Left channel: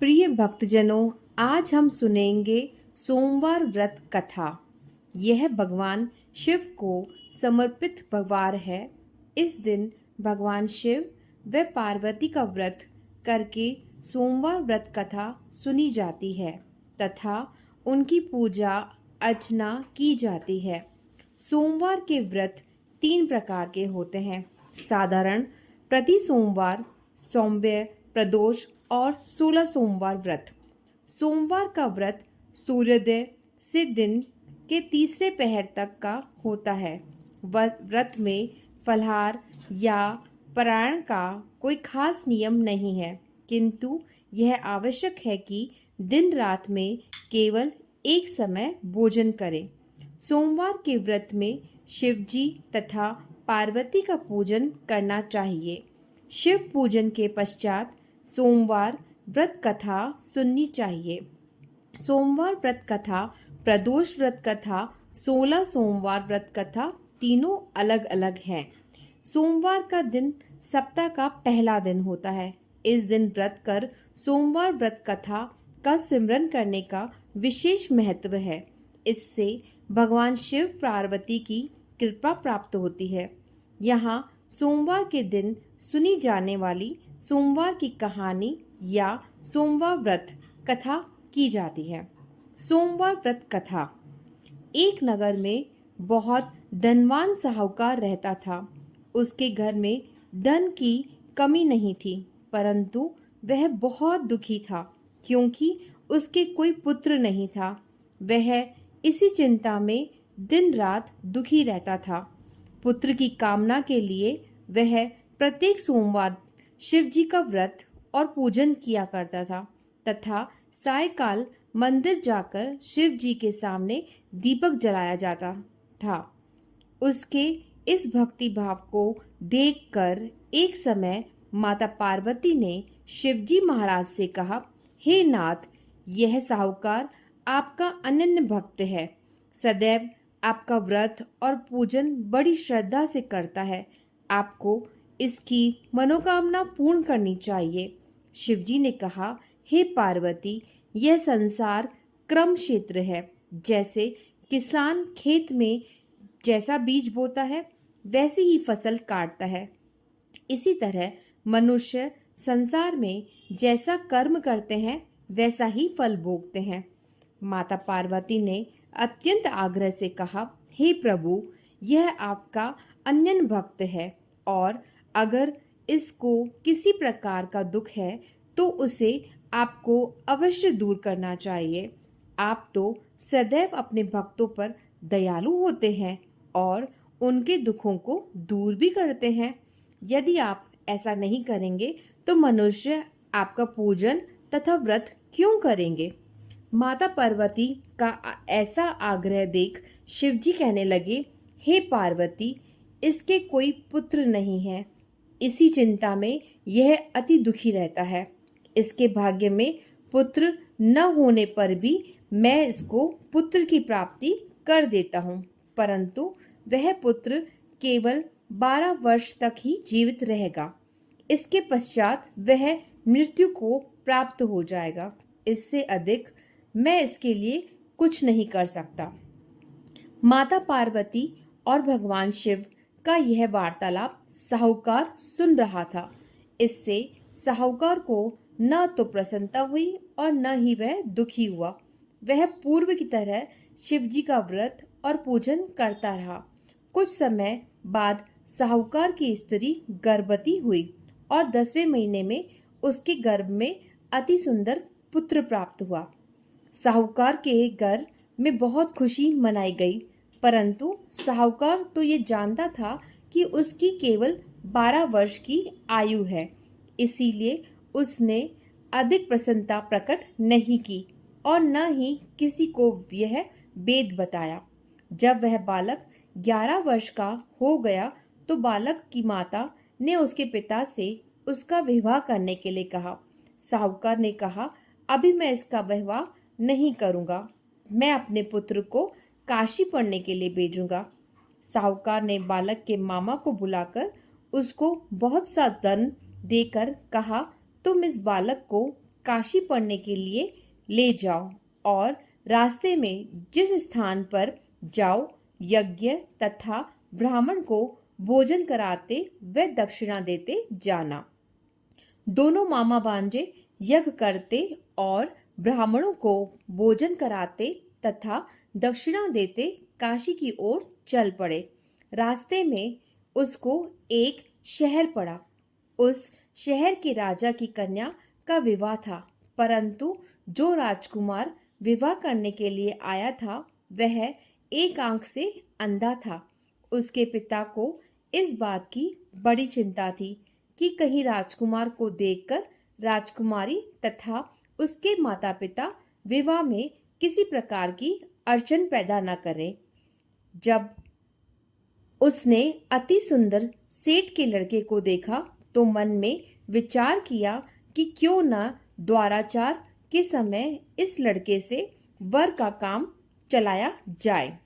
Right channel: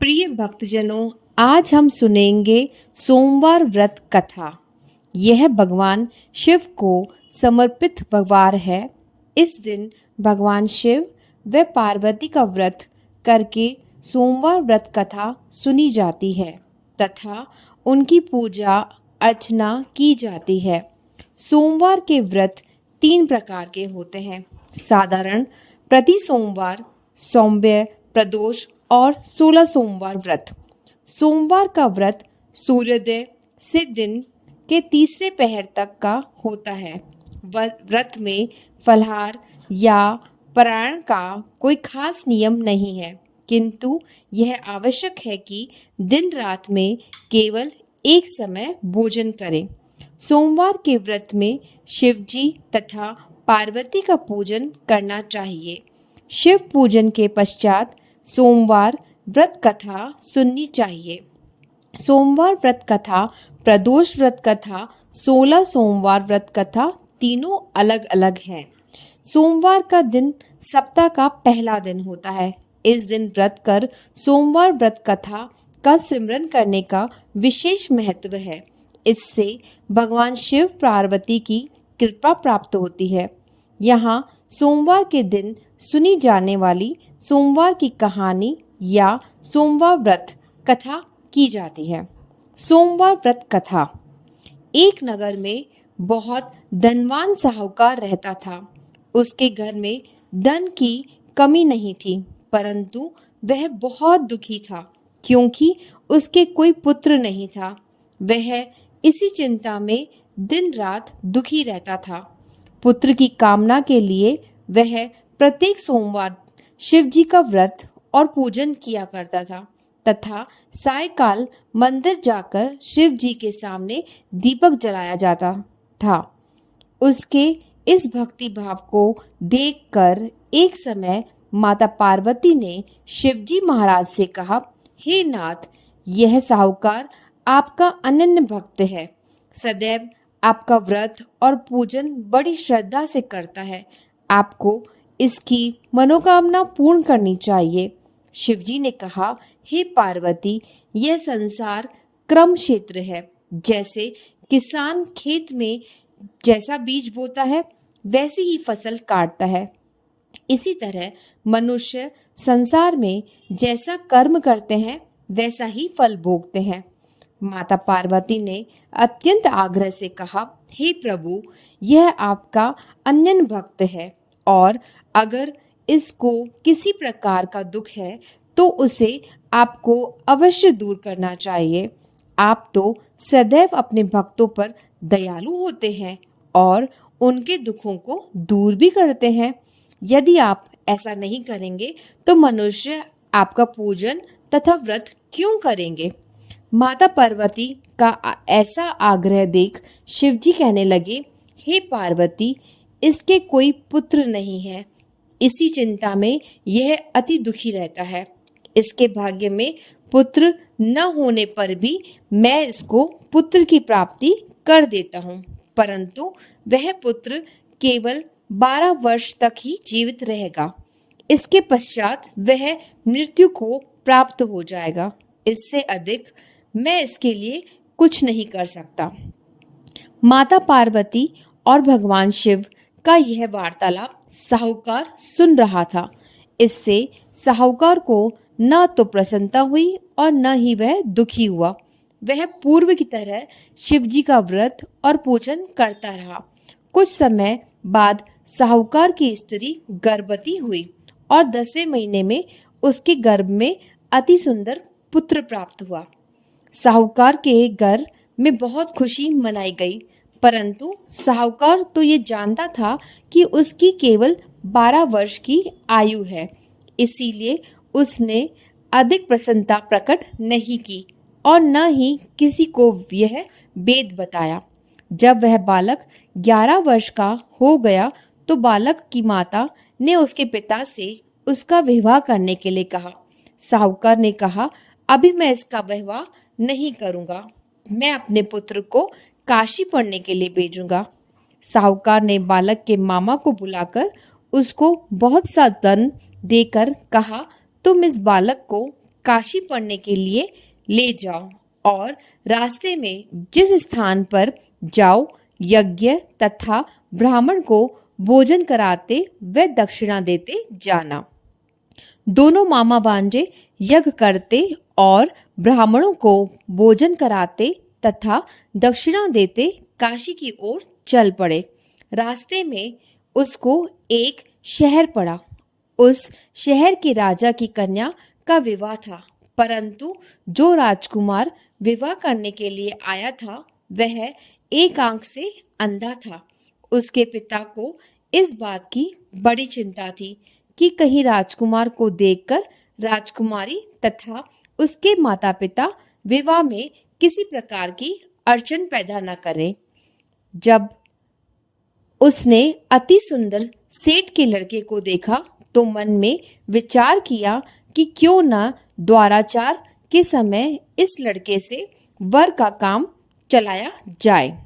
प्रिय भक्तजनों, आज हम सुनेंगे सोमवार व्रत कथा। यह भगवान शिव को समर्पित वार है। इस दिन भगवान शिव व पार्वती का व्रत करके सोमवार व्रत कथा सुनी जाती है तथा उनकी पूजा अर्चना की जाती है। सोमवार के व्रत 3 प्रकार के होते हैं: साधारण, प्रति सोमवार, सौम्य, प्रदोष और 16 सोमवार व्रत। सोमवार का व्रत सूर्योदय से दिन के तीसरे पहर तक का होता है। व्रत में फलाहार या पारायण का कोई खास नियम नहीं है, किंतु यह आवश्यक है कि दिन रात में केवल एक समय भोजन करें। सोमवार के व्रत में शिव जी तथा पार्वती का पूजन करना चाहिए। शिव पूजन के पश्चात सोमवार व्रत कथा सुननी चाहिए। सोमवार व्रत कथा, प्रदोष व्रत कथा, 16 सोमवार व्रत कथा तीनों अलग अलग हैं। सोमवार का दिन सप्ताह का पहला दिन होता है। इस दिन व्रत कर सोमवार व्रत कथा का सिमरन करने का विशेष महत्व है। इससे भगवान शिव पार्वती की कृपा प्राप्त होती है। यहाँ सोमवार के दिन सुनी जाने वाली सोमवार की कहानी या सोमवार व्रत कथा की जाती है। सोमवार व्रत कथा। एक नगर में बहुत धनवान साहूकार रहता था। उसके घर में धन की कमी नहीं थी, परंतु वह बहुत दुखी था क्योंकि उसके कोई पुत्र नहीं था। वह इसी चिंता में दिन रात दुखी रहता था। पुत्र की कामना के लिए वह प्रत्येक सोमवार शिव जी का व्रत और पूजन किया करता था तथा सायकाल मंदिर जाकर शिव जी के सामने दीपक जलाया जाता था। उसके इस भक्ति भाव को देखकर एक समय माता पार्वती ने शिव जी महाराज से कहा, हे नाथ, यह साहूकार आपका अनन्य भक्त है। सदैव आपका व्रत और पूजन बड़ी श्रद्धा से करता है। आपको इसकी मनोकामना पूर्ण करनी चाहिए। शिवजी ने कहा, हे पार्वती, यह संसार क्रम क्षेत्र है। जैसे किसान खेत में जैसा बीज बोता है वैसी ही फसल काटता है, इसी तरह मनुष्य संसार में जैसा कर्म करते हैं वैसा ही फल भोगते हैं। माता पार्वती ने अत्यंत आग्रह से कहा, हे प्रभु, यह आपका अनन्य भक्त है और अगर इसको किसी प्रकार का दुख है तो उसे आपको अवश्य दूर करना चाहिए। आप तो सदैव अपने भक्तों पर दयालु होते हैं और उनके दुखों को दूर भी करते हैं। यदि आप ऐसा नहीं करेंगे तो मनुष्य आपका पूजन तथा व्रत क्यों करेंगे? माता पार्वती का ऐसा आग्रह देख शिवजी कहने लगे, हे पार्वती, इसके कोई पुत्र नहीं है। इसी चिंता में यह अति दुखी रहता है। इसके भाग्य में पुत्र न होने पर भी मैं इसको पुत्र की प्राप्ति कर देता हूँ, परंतु वह पुत्र केवल 12 वर्ष तक ही जीवित रहेगा। इसके पश्चात वह मृत्यु को प्राप्त हो जाएगा। इससे अधिक मैं इसके लिए कुछ नहीं कर सकता। माता पार्वती और भगवान शिव का यह वार्तालाप साहूकार सुन रहा था। इससे साहूकार को न तो प्रसन्नता हुई और न ही वह दुखी हुआ। वह पूर्व की तरह शिवजी का व्रत और पूजन करता रहा। कुछ समय बाद साहूकार की स्त्री गर्भवती हुई और 10वें महीने में उसके गर्भ में अति सुंदर पुत्र प्राप्त हुआ। साहूकार के घर में बहुत खुशी मनाई गई, परंतु साहूकार तो ये जानता था कि उसकी केवल 12 वर्ष की आयु है, इसीलिए उसने अधिक प्रसन्नता प्रकट नहीं की और न ही किसी को यह भेद बताया। जब वह बालक 11 वर्ष का हो गया तो बालक की माता ने उसके पिता से उसका विवाह करने के लिए कहा। साहूकार ने कहा, अभी मैं इसका विवाह नहीं करूंगा, मैं अपने पुत्र को काशी पढ़ने के लिए भेजूंगा। साहूकार ने बालक के मामा को बुलाकर उसको बहुत सा धन देकर कहा, तुम इस बालक को काशी पढ़ने के लिए ले जाओ और रास्ते में जिस स्थान पर जाओ यज्ञ तथा ब्राह्मण को भोजन कराते व दक्षिणा देते जाना। दोनों मामा भांजे यज्ञ करते और ब्राह्मणों को भोजन कराते तथा दक्षिणा देते काशी की ओर चल पड़े। रास्ते में उसको एक शहर पड़ा। उस शहर के राजा की कन्या का विवाह था, परंतु जो राजकुमार विवाह करने के लिए आया था वह एक आंख से अंधा था। उसके पिता को इस बात की बड़ी चिंता थी कि कहीं राजकुमार को देखकर राजकुमारी तथा उसके माता पिता विवाह में किसी प्रकार की अड़चन पैदा न करें। जब उसने अति सुंदर सेठ के लड़के को देखा तो मन में विचार किया कि क्यों न द्वाराचार के समय इस लड़के से वर का काम चलाया जाए।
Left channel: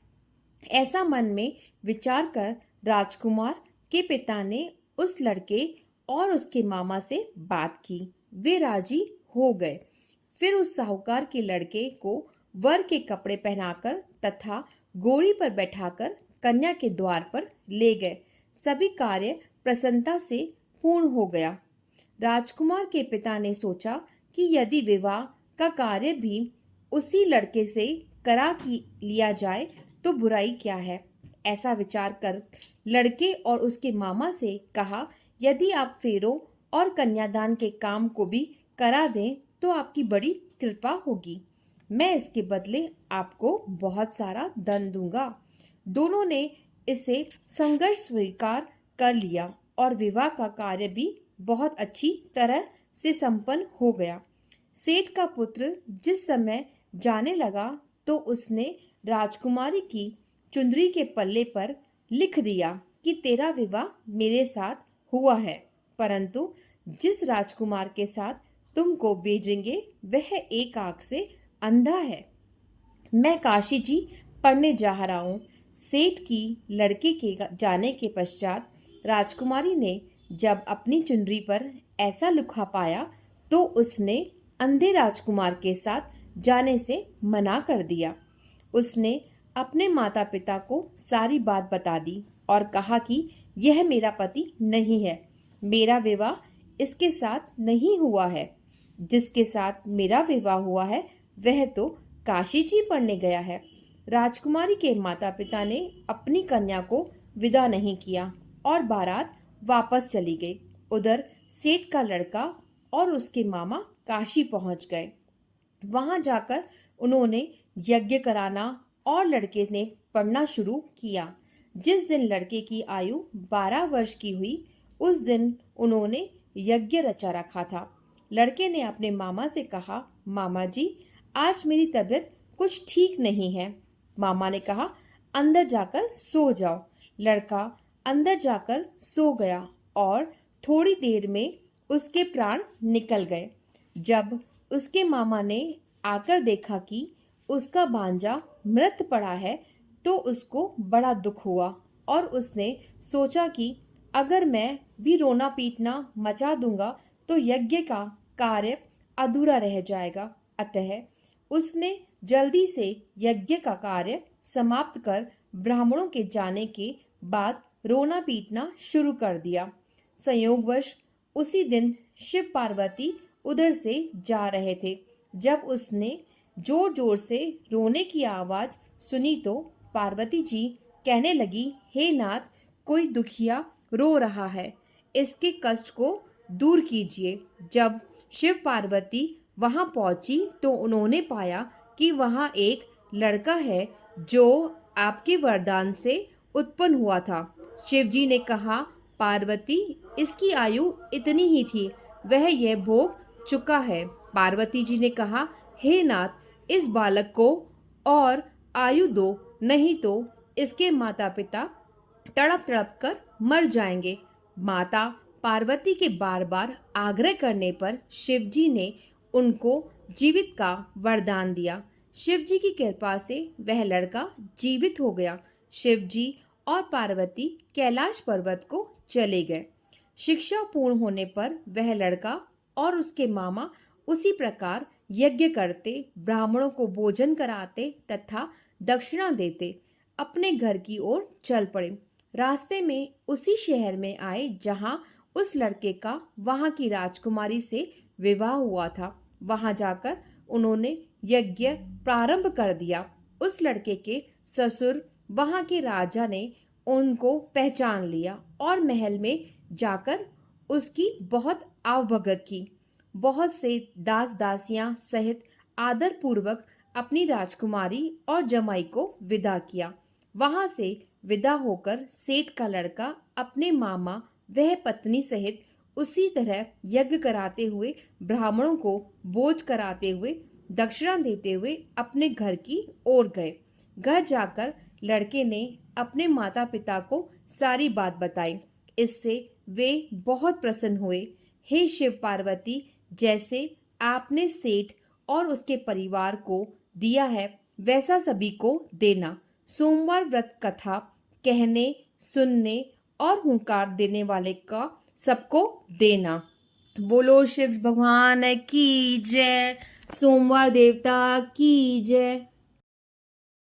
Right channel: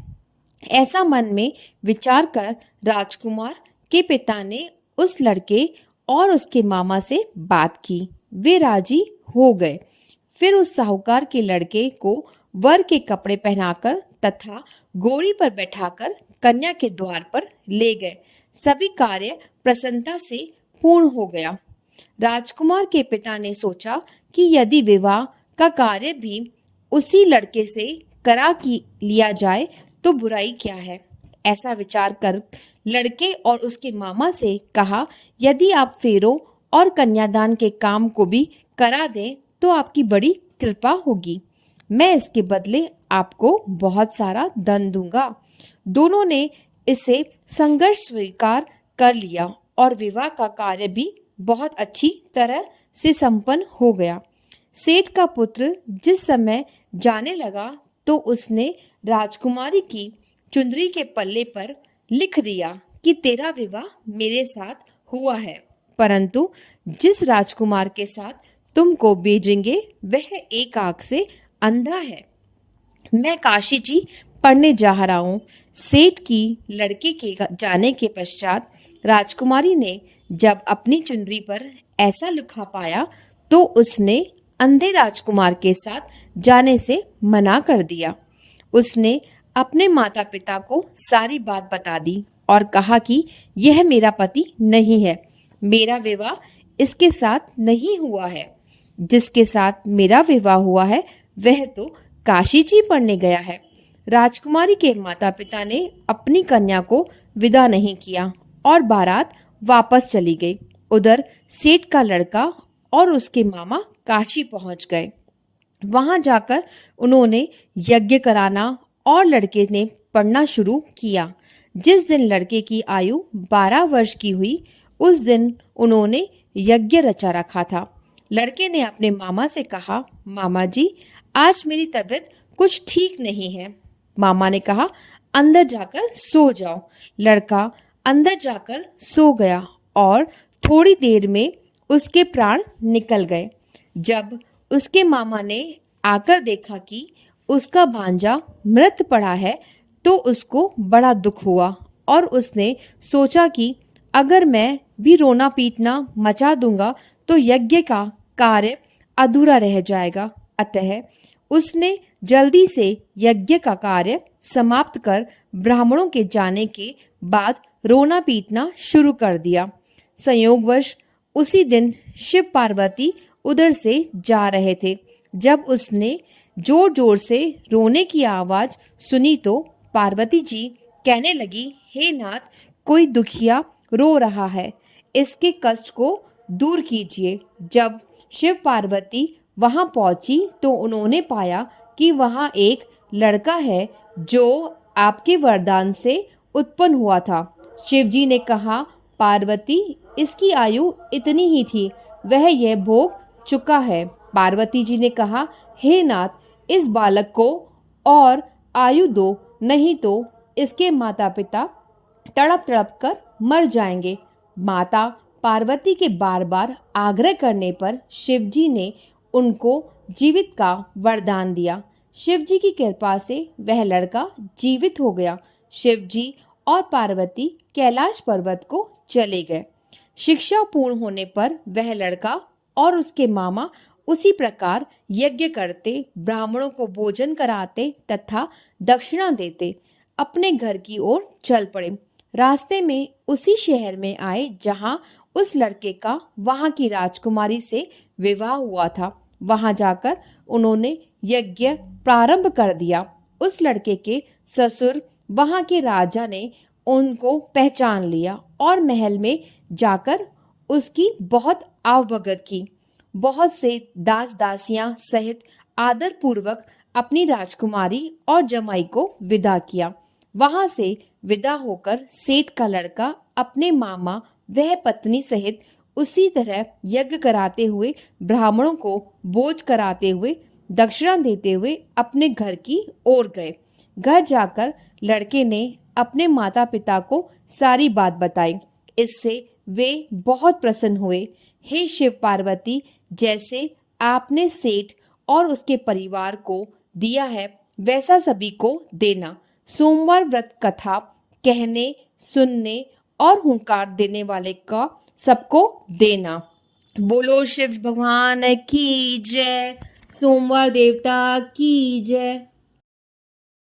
ऐसा मन में विचार कर राजकुमार के पिता ने उस लड़के और उसके मामा से बात की। वे राजी हो गए। फिर उस साहूकार के लड़के को वर के कपड़े पहनाकर तथा घोड़ी पर बैठाकर कन्या के द्वार पर ले गए। सभी कार्य प्रसन्नता से पूर्ण हो गया। राजकुमार के पिता ने सोचा कि यदि विवाह का कार्य भी उसी लड़के से करा की लिया जाए तो बुराई क्या है। ऐसा विचार कर लड़के और उसके मामा से कहा, यदि आप फेरों और कन्यादान के काम को भी करा दें तो आपकी बड़ी कृपा होगी। मैं इसके बदले आपको बहुत सारा धन दूंगा। दोनों ने इसे संघर्ष स्वीकार कर लिया और विवाह का कार्य भी बहुत अच्छी तरह से संपन्न हो गया। सेठ का पुत्र जिस समय जाने लगा तो उसने राजकुमारी की चुंदरी के पल्ले पर लिख दिया कि तेरा विवाह मेरे साथ हुआ है, परंतु जिस राजकुमार के साथ तुमको भेजेंगे वह एक आंख से अंधा है। मैं काशी जी पढ़ने जा रहा हूँ। सेठ की लड़के के जाने के पश्चात राजकुमारी ने जब अपनी चुनरी पर ऐसा लिखा पाया तो उसने अंधे राजकुमार के साथ जाने से मना कर दिया। उसने अपने माता पिता को सारी बात बता दी और कहा कि यह मेरा पति नहीं है, मेरा विवाह इसके साथ नहीं हुआ है। जिसके साथ मेरा विवाह हुआ है वह तो काशी जी पढ़ने गया है। राजकुमारी के माता पिता ने अपनी कन्या को विदा नहीं किया और बारात वापस चली गई। उधर सेठ का लड़का और उसके मामा काशी पहुंच गए। वहां जाकर उन्होंने यज्ञ कराना और लड़के ने पढ़ना शुरू किया। जिस दिन लड़के की आयु 12 वर्ष की हुई उस दिन उन्होंने यज्ञ रचा रखा था। लड़के ने अपने मामा से कहा, मामा जी आज मेरी तबीयत कुछ ठीक नहीं है। मामा ने कहा, अंदर जाकर सो जाओ। लड़का अंदर जाकर सो गया और थोड़ी देर में उसके प्राण निकल गए। जब उसके मामा ने आकर देखा कि उसका भांजा मृत पड़ा है तो उसको बड़ा दुख हुआ और उसने सोचा कि अगर मैं भी रोना पीटना मचा दूंगा तो यज्ञ का कार्य अधूरा रह जाएगा। अतः उसने जल्दी से यज्ञ का कार्य समाप्त कर ब्राह्मणों के जाने के बाद रोना पीटना शुरू कर दिया। संयोगवश उसी दिन शिव पार्वती उधर से जा रहे थे। जब उसने जोर जोर से रोने की आवाज सुनी तो पार्वती जी कहने लगी, हे नाथ, कोई दुखिया रो रहा है, इसके कष्ट को दूर कीजिए। जब शिव पार्वती वहां पहुंची तो उन्होंने पाया कि वहां एक लड़का है जो आपके वरदान से उत्पन्न हुआ था। शिवजी ने कहा, पार्वती इसकी आयु इतनी ही थी, वह यह भोग चुका है। पार्वती जी ने कहा, हे नाथ, इस बालक को और आयु दो, नहीं तो इसके माता पिता तड़प तड़प कर मर जाएंगे। माता पार्वती के बार बार आग्रह करने पर शिवजी ने उनको जीवित का वरदान दिया। शिवजी की कृपा से वह लड़का जीवित हो गया। शिवजी और पार्वती कैलाश पर्वत को चले गए। शिक्षा पूर्ण होने पर वह लड़का और उसके मामा उसी प्रकार यज्ञ करते, ब्राह्मणों को भोजन कराते तथा दक्षिणा देते अपने घर की ओर चल पड़े। रास्ते में उसी शहर में आए जहां उस लड़के का वहां की राजकुमारी से विवाह हुआ था। वहां जाकर उन्होंने यज्ञ प्रारंभ कर दिया। उस लड़के के ससुर वहां के राजा ने उनको पहचान लिया और महल में जाकर उसकी बहुत आवभगत की। बहुत से दास दासियां सहित आदर पूर्वक अपनी राजकुमारी और जमाई को विदा किया। वहां से विदा होकर सेठ का लड़का अपने मामा वह पत्नी सहित उसी तरह यज्ञ कराते हुए, ब्राह्मणों को भोज कराते हुए, दक्षिणा देते हुए अपने घर की ओर गए। घर जाकर लड़के ने अपने माता पिता को सारी बात बताई। इससे वे बहुत प्रसन्न हुए। हे शिव पार्वती, जैसे आपने सेठ और उसके परिवार को दिया है वैसा सभी को देना। सोमवार व्रत कथा कहने, सुनने और हुंकार देने वाले का सबको देना। बोलो शिव भगवान की जय। सोमवार देवता की जय।